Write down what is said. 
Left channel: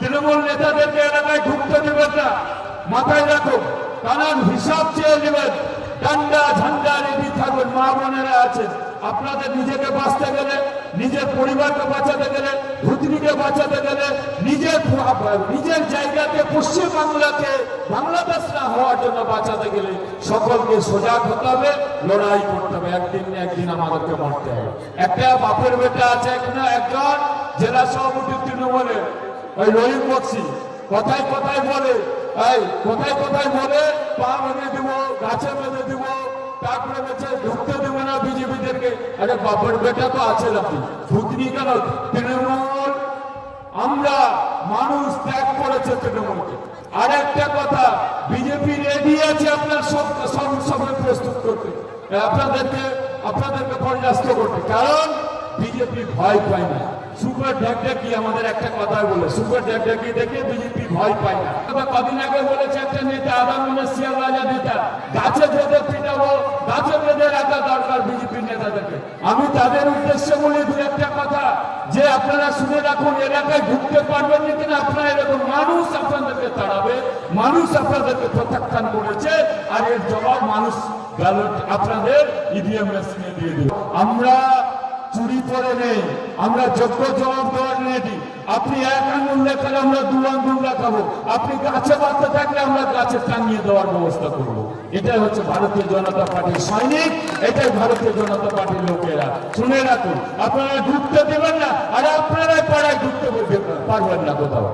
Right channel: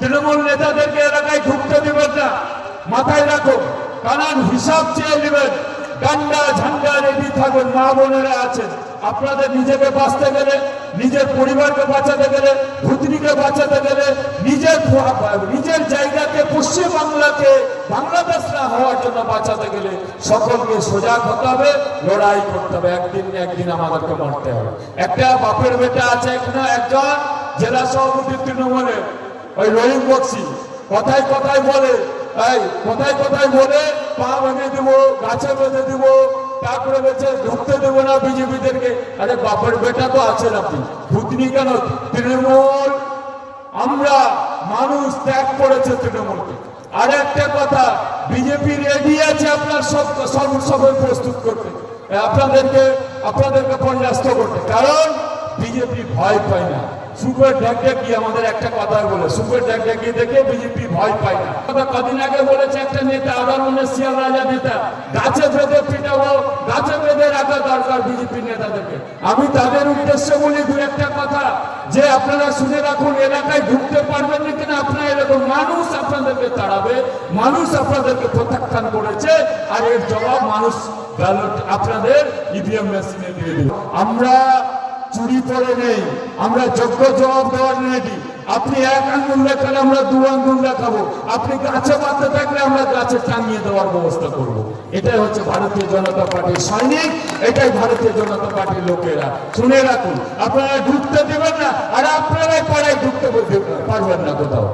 তৃণমূল নেতাদেরকে এলাকায় ঢুকতে দেবেন না, মাথায় রাখো। কারণ হিসাব চেয়ে নেবেন, ডান্ডা ঝান্ডা রেডি থাকবেন। মা বোনেরা আছেন, আপনাদের নিজেকে বাঁচতে গেলে, নিজের পরিবারকে বাঁচাতে গেলে, ভূতনিকে বাঁচাতে গেলে, নিজের জায়গাকে, পশ্চিম বাংলাকে বাংলাদেশ না হওয়ার জন্য বাঁচাতে গেলে সকলকে সজাগ হতে হবে, লড়াই করতে হবে। একদিন আমাদেরকে লড়তে হবে। একটা বাপের বেটা আছে এখনো একজন জেলা সভাপতি তৃণমূলের, ওই রহিম বক্সি, কথায় কথায় বলে, কথায় বলে পা ভেঙে দেবো, গাছে বেঁধে দেবো, তারপরে বলছে ঢুকতে দেবো না বিজেপিদেরকে। আরে বাপের বেটা তো আছেন আপনি, ভূতনি কেন? তৃণমূল, আমরা মানুষ ত্যাগ করেছে তৃণমূলকে। আর একটা কথা, বিজেপি রেডি আছে আপনার সবাই প্রস্তুত করতে, আপনাদেরকে পরাস্ত করতে। কারণ বিজেপি ভয় পায় না। সুপের ঢাকঢাকি, আমাদের একটা কথা বলে, সুপের ঢাকঢাকি দেখে বিজেপি ভয় পায় না। কদিন আগে বলেছে একটা নেতা, আগামী শিয়াল রাজা নেতা, গাছে বেঁধে পিটাবো, গাছে বেঁধে রাখা দরকার বিজেপি নেতাদেরকে। আমি তাদের উদ্দেশ্যে বলি দু একটা কথা, যে আপনারা শুনে রাখুন, এলাকায় ঢুকতে পারবেন না কিনা আপনারা এরকম, মানুষ আপনাদেরকে তাড়াবে, মানুষ আপনাদেরকে প্রত্যাখ্যান করেছে, আর এর জবাব মানুষ ব্যালট আপনাদের ইভিএম মেশিনে দিয়ে দেবে। আমরা চুরি করে নেই, আমরা যোগ্য জবাব দেওয়ার রেডি। আপনি এক আঙ্গুল দেখালে আমরা দু আঙ্গুল দেখাবো, আপনি গাছে বাঁধতে থাকলে আমরা গাছে টাঙিয়ে দেওয়ার ব্যবস্থা করবো। এটাই হচ্ছে ভারতীয় জনতা পার্টির সৈনিক, এটাই ভারতীয় জনতা পার্টির লোকেরা। শুনে রাখুন, আপনারা ঢুকতে দেবেন না, আর আপনারাই পাড়ায় ঢুকতে পারবেন না কোথাও।